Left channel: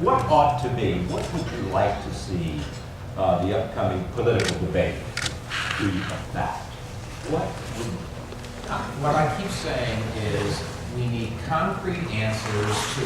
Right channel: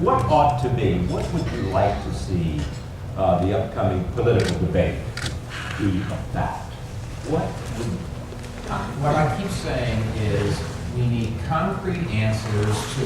What ought to be, what would you like to see the upcoming political debate be about? What I keep saying is we need concrete answers to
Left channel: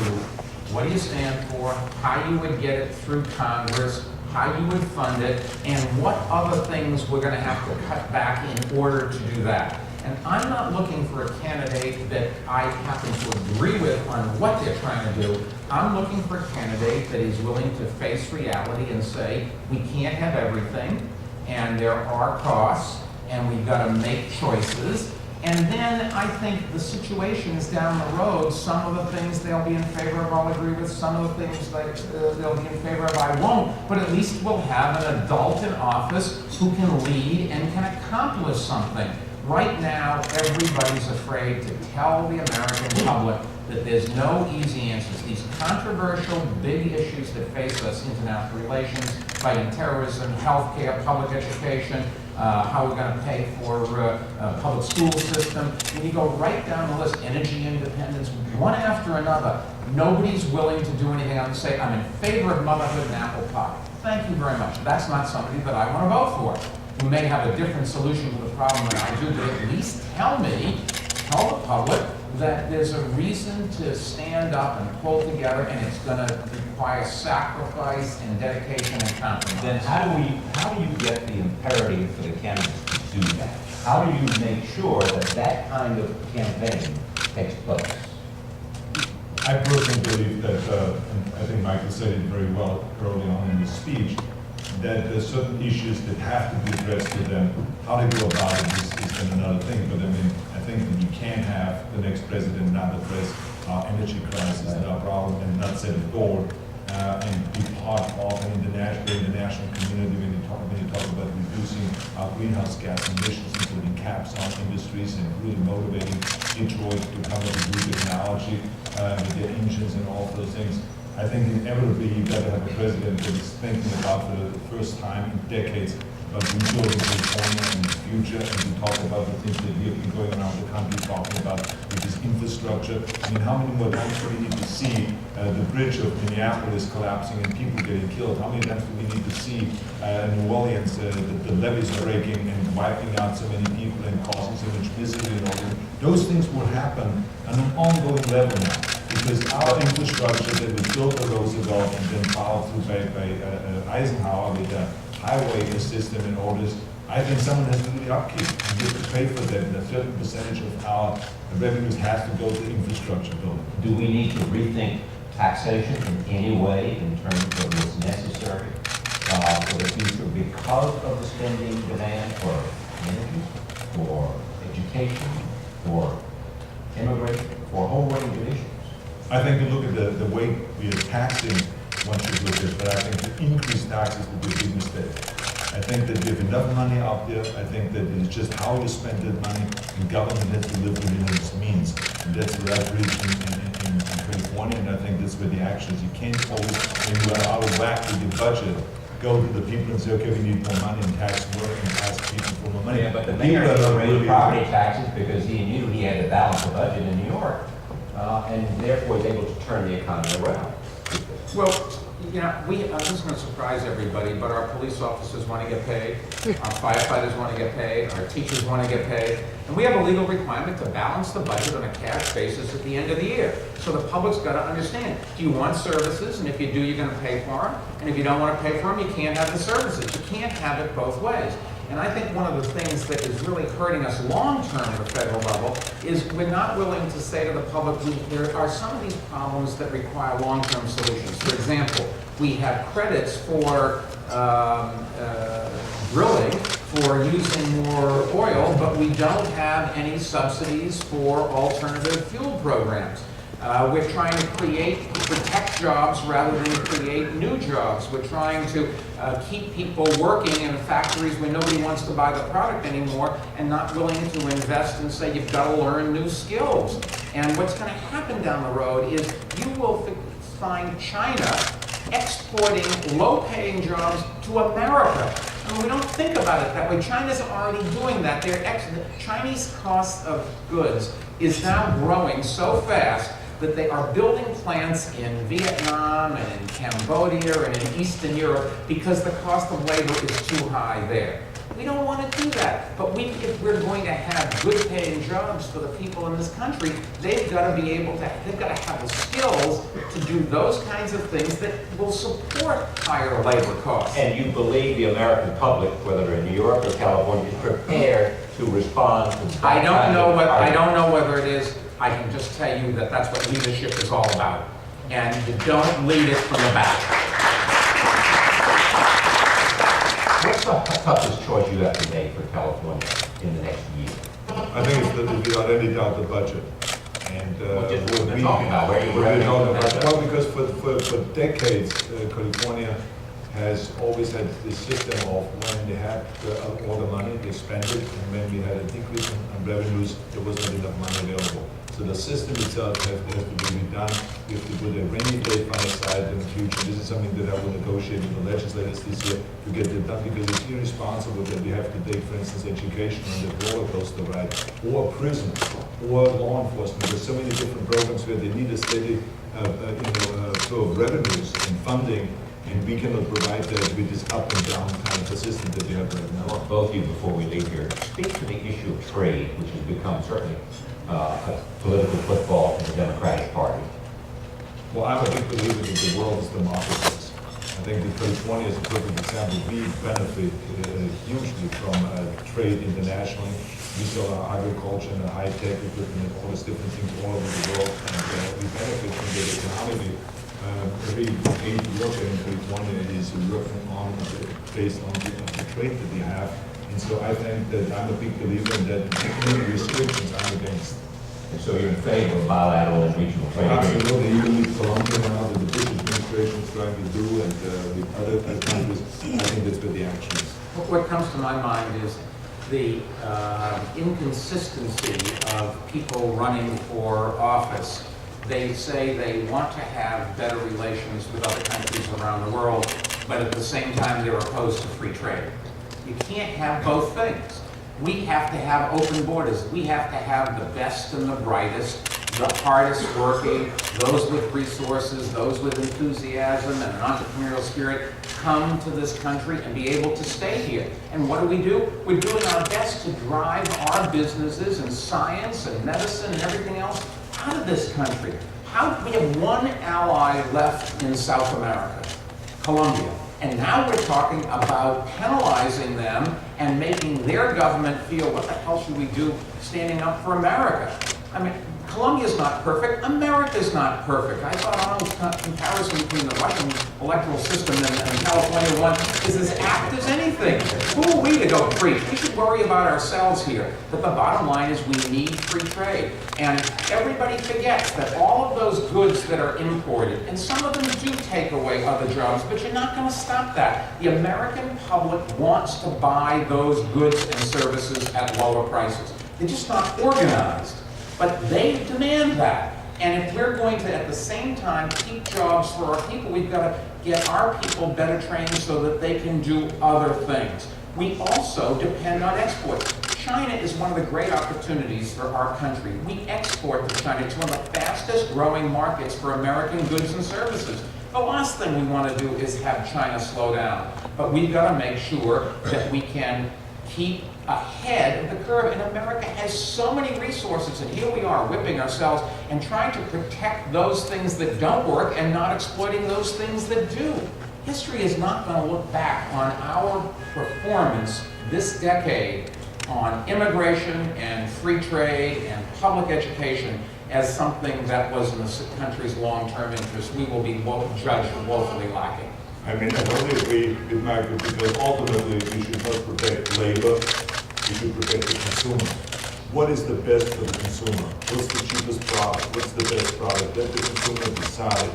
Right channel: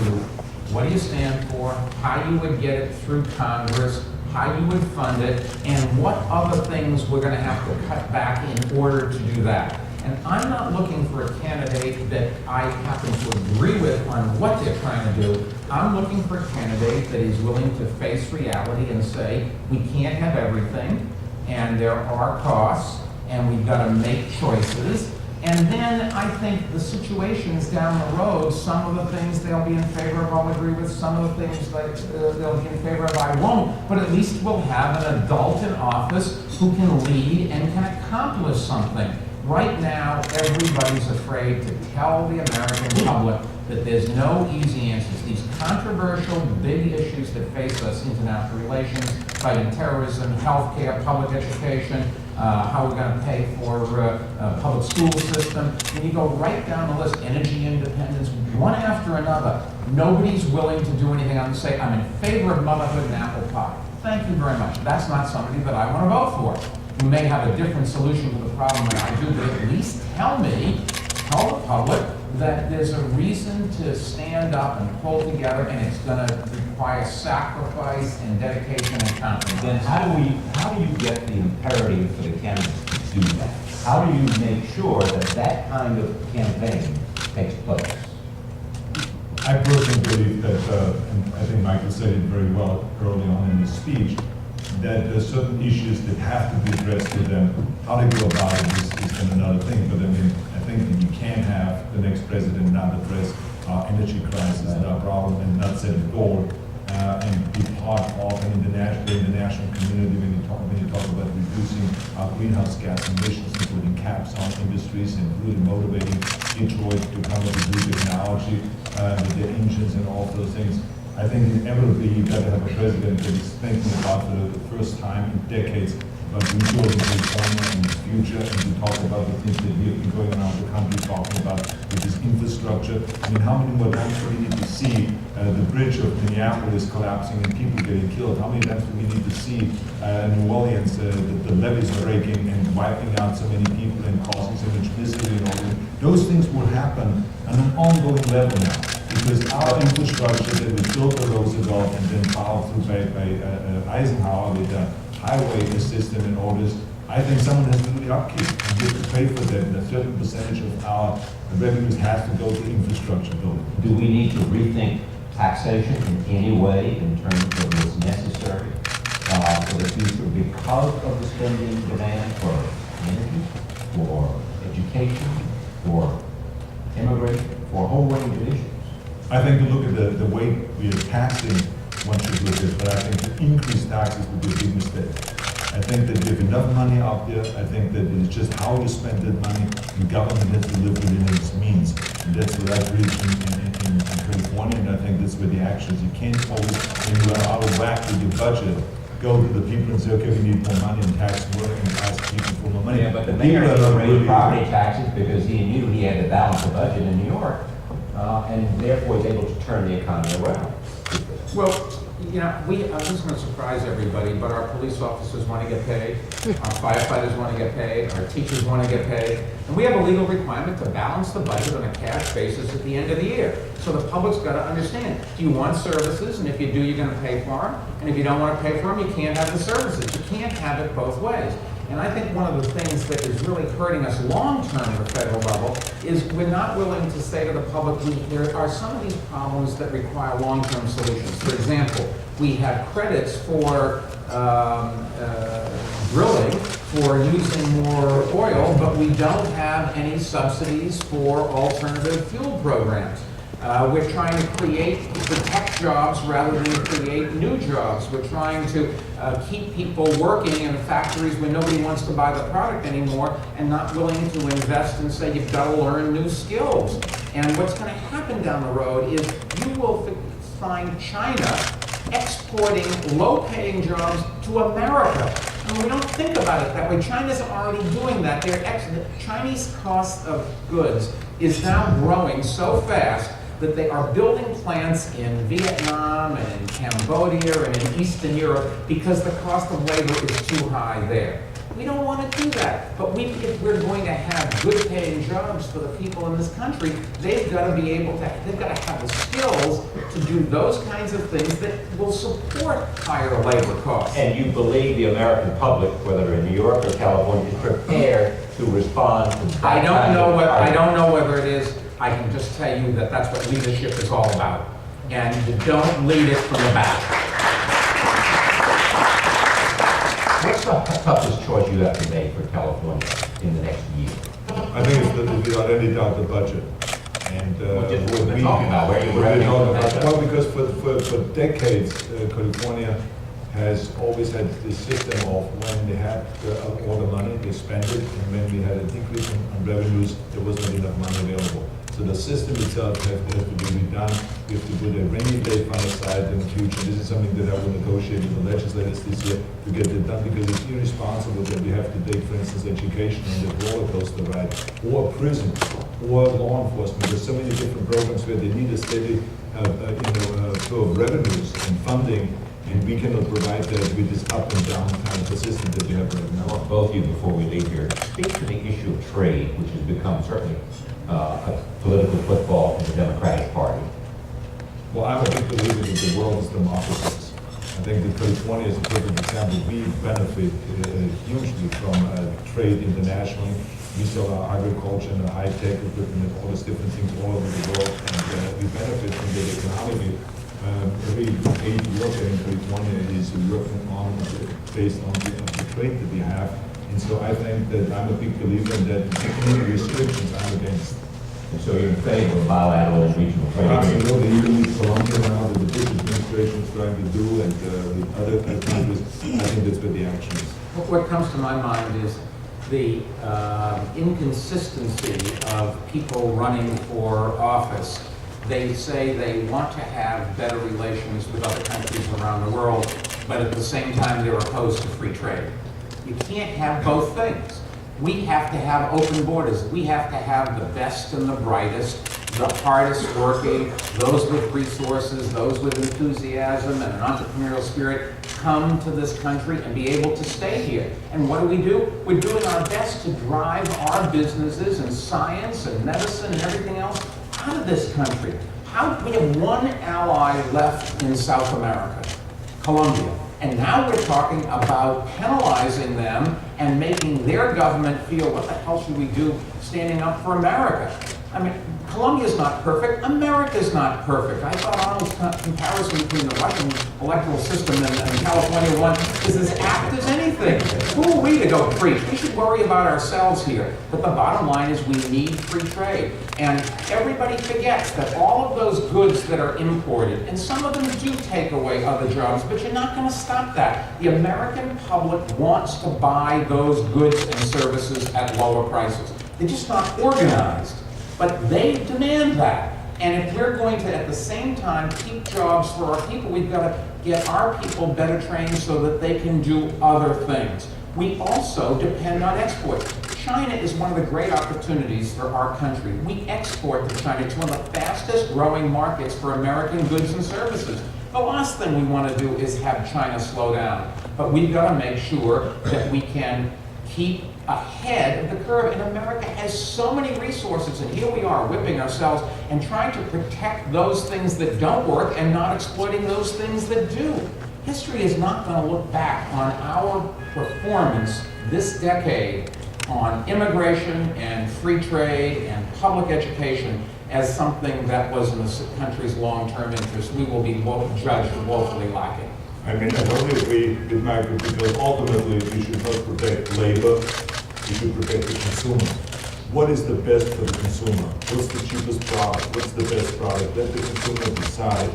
what do you stand for, how you would get it through Congress, how you would fund it, and what other things we're going to have to cut back in order to do that. And I'm not looking for a candidate that I happen to agree with on what they're trying to do. I'm looking for a candidate that is willing to face reality and say, we can't have everything, and there are costs, and we've got to make choices. And then I think the situations down the road, some of the things they'll be in favor of, I'll agree with. Some of the things that they'll be in favor of, I won't. But at least we'll have an adult in office who can lead and can accomplish something. Right now, everybody's afraid to tell the American public that there's no easy answers. These controversial big issues that face us, international relations, fighting terrorism, healthcare, public education, how we're going to pay for public school system. When you go right down the list, energy independence, one after another, nobody's willing to do anything other than say, I'm in favor of motherhood and apple pie. Thank you very much. That's not somebody that I want to vote for. You may have a different solution to the problem than I do, but at least tell the public that there's a reason to stand up and pull together, and it's going to require sacrifice and dedication and compromise. Then how do you get the imperative for the candidates to do that? How do you make sure that that kind of campaign takes place? I personally believe that, and I think Michael said it very well early on in his speech, that there's certain issues that have to be addressed to them. How they go about it is then another thing. But I mean, I think that you can't have the next president not address our energy crisis and our problem and not set a goal and be part of an international community when you talk about reducing our greenhouse gas emissions, including caps on industries and really motivating Detroit to come up with new technology with their engines and all of those things. I think inevitably you've got to have a president that is thinking about for the first time in decades about rebuilding California in the future, and to talk about the things that we have been going around the country talking about, which is infrastructure. I mean, how many more times do we need to see the bridge of Minneapolis collapsing and people getting killed? How many times do we need to see New Orleans, the levees breaking and wiping out so many people and causing so much misery and all that? Those things will happen on an ongoing level now, because our infrastructure that was built by Roosevelt and then followed through by Eisenhower with the highway system and all this, I think someone has to do the upkeep and get to pay for that. And a certain percentage of our revenues has to go to infrastructure building. Do we need to rethink taxation in any way in terms of what's necessary for the future because of the spending demand for energy, for education, for immigration, for a whole range of issues? I think to look at the way we are taxing, one should look at, but I think to increase taxes would be a big mistake. I think that we have enough money out there. I think that it's just how you spend that money, and government has to live within its means. And that's what I've reached in California, and I think that's where the action is. You can't always, when you are out of whack with your budget, go to the people and say, okay, we need more money and tax more and ask people for more money. Yeah, but the mayor raised property taxes because he knew he had to balance the budget in New York, and therefore was able to turn the economy around. Well, you know, this is going to surprise everybody, but our police officers want to get paid, our firefighters want to get paid, our teachers want to get paid, and we have a legal requirement to balance the budget on a cash basis at the end of the year. So the public's got to understand, do you want services? And if you do, you're going to pay for them. And if you don't want to pay for them, you can't have the services. You can't have it both ways. And I think one of the things that is really hurting us long-term at the federal level is we're not willing to say to the public, there are some of these problems that require long-term solutions. For example, we have credits for drilling, for using more oil, but we don't have any subsidies for alternative fuel programs. We're trying to protect jobs rather than create new jobs. We're trying to keep people working in factories where nobody wants to buy the product anymore and not willing to invest and say you've got to learn new skills. And what's going to happen down the road is you will find China exporting low-paying jobs to America. And we don't think about it that way. China's already doing that. The Chinese cost of goods is now growing so fast that they are building plants in Vietnam and in Cambodia and in Eastern Europe because the cost of labor is too high there. We don't want to do that, but if we're going to have good paying jobs for the people in this country, they've got to be able to, they've got to have the skills to do those kinds of things that will support higher labor costs. And you believe the American public, whether in New York or California, is prepared to respond to that I don't know argument? whether it is. I can just tell you that that's what leadership is all about. And you don't lead it from the back. What's the toughest choice you have to make for California in the next year? I think it's without any doubt the budget. And Which is what we've been talking about, where you revenue well, and budget. because for decades, California has always had this system of when they had all the money, they spent it, and when we had a decrease in revenues, there wasn't enough money available. So the system itself has to be redone. We have to put a rainy day fund aside in the future. This is something that I will negotiate with the legislators this year to get it done, because it's irresponsible that we have to take, for instance, education on the roller coaster ride, or prison, or law enforcement. There's so many different programs where they need a steady flow of revenues and funding, and we cannot provide that with this up and down kind of a system that we have right I now. want both of you, before we leave here, speak to the issue of trade, which has become certainly a political football in the Democratic Party. Well, I'm a big believer that the world is democracies. I think that California is a perfect example. We benefit hugely from trade internationally. We sell our agriculture and high-tech equipment and all these different things all over the world, and we benefit from that economically. Every aid worker in California is working on based on the trade that we have. And so I think that I'm a big believer in that any restrictions I'm against. And so you're in favor of bilateral and regional trade agreements? Absolutely, even with Colombia now, that the Bush administration is trying to do, and with other countries, I think that's where the action is. What comes to my mind is the inconsistency of people running for office. They say they want to have better relations with other countries around the world, but at the same time they're opposed to free trade. You can't have both things. We have to have open borders. We have to have the best and the brightest, the hardest working, those with resources, those with enthusiasm and an entrepreneurial spirit come to this country and be able to stay here. And what do? We're doing our best to drive our businesses in science and medicine and everything else out of this country. We have one ally left in South America, Colombia. And now we're talking about penalizing them and making their government feel, what the hell should we do standing up for America? I mean, Colombia's not perfect, America's not perfect. I thought Arnold's comparison between the Russian electoral system and California one is as apt as anything. Who are we to go preach? We should worry about ourselves here. But the bottom line is we need free trade. And everybody forgets that all of those goods that are imported, and some of them do take away other jobs, but you're not going to stop that. The American public wants to buy those goods and services at lower prices. They're just not organized. But they demand that. And if we're going to, at the same time, keep jobs for our people, we've got to get our people better trained so that they can do other things. We also depend on exports. China is one of the great opportunities for our country. We export to China. It's one of the fastest growing markets for American goods and services. The last thing we want to do is have China slow down. But we've got to make sure that we can keep ahead of the curve. And America has so many resources, and here we are whipping ourselves and trying to protect those things that don't work and not exploiting those things that do. History is not going to look back on our performance this decade on immigration and free trade and public education as something that was in the country's long-term interest. We will be judged woefully lacking. I mean, I totally agree with Michael, because ultimately we should not protect labor, we should protect the consumer. What is the best for the consumer? What's the cheapest product? What's the best product? Let the consumer decide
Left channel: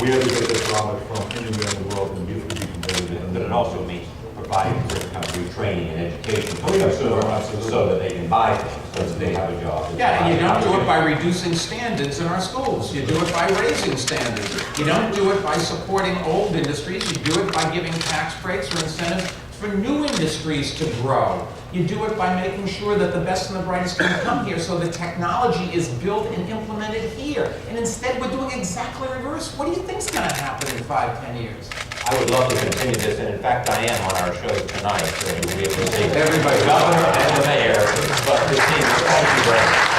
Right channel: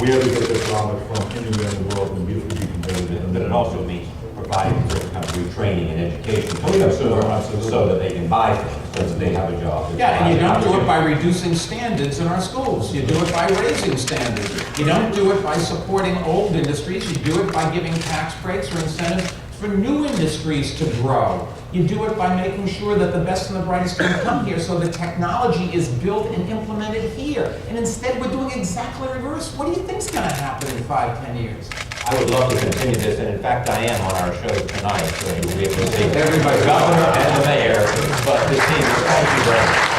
where to get the product from anywhere in the world, and we have to be competitive. But it also means providing certain kind of retraining and education for the Absolutely, consumer, absolutely. so that they can buy things, so that they have a job. Yeah, and you don't do it by reducing standards in our schools. You do it by raising standards. You don't do it by supporting old industries. You do it by giving tax breaks or incentives for new industries to grow. You do it by making sure that the best and the brightest can come here, so the technology is built and implemented here. And instead, we're doing exactly reverse. What do you think's going to happen in 5, 10 years? I would love to continue this, and in fact, I am on our show tonight, so you'll be able to see everybody, governor and the mayor, but this team, thank you very much.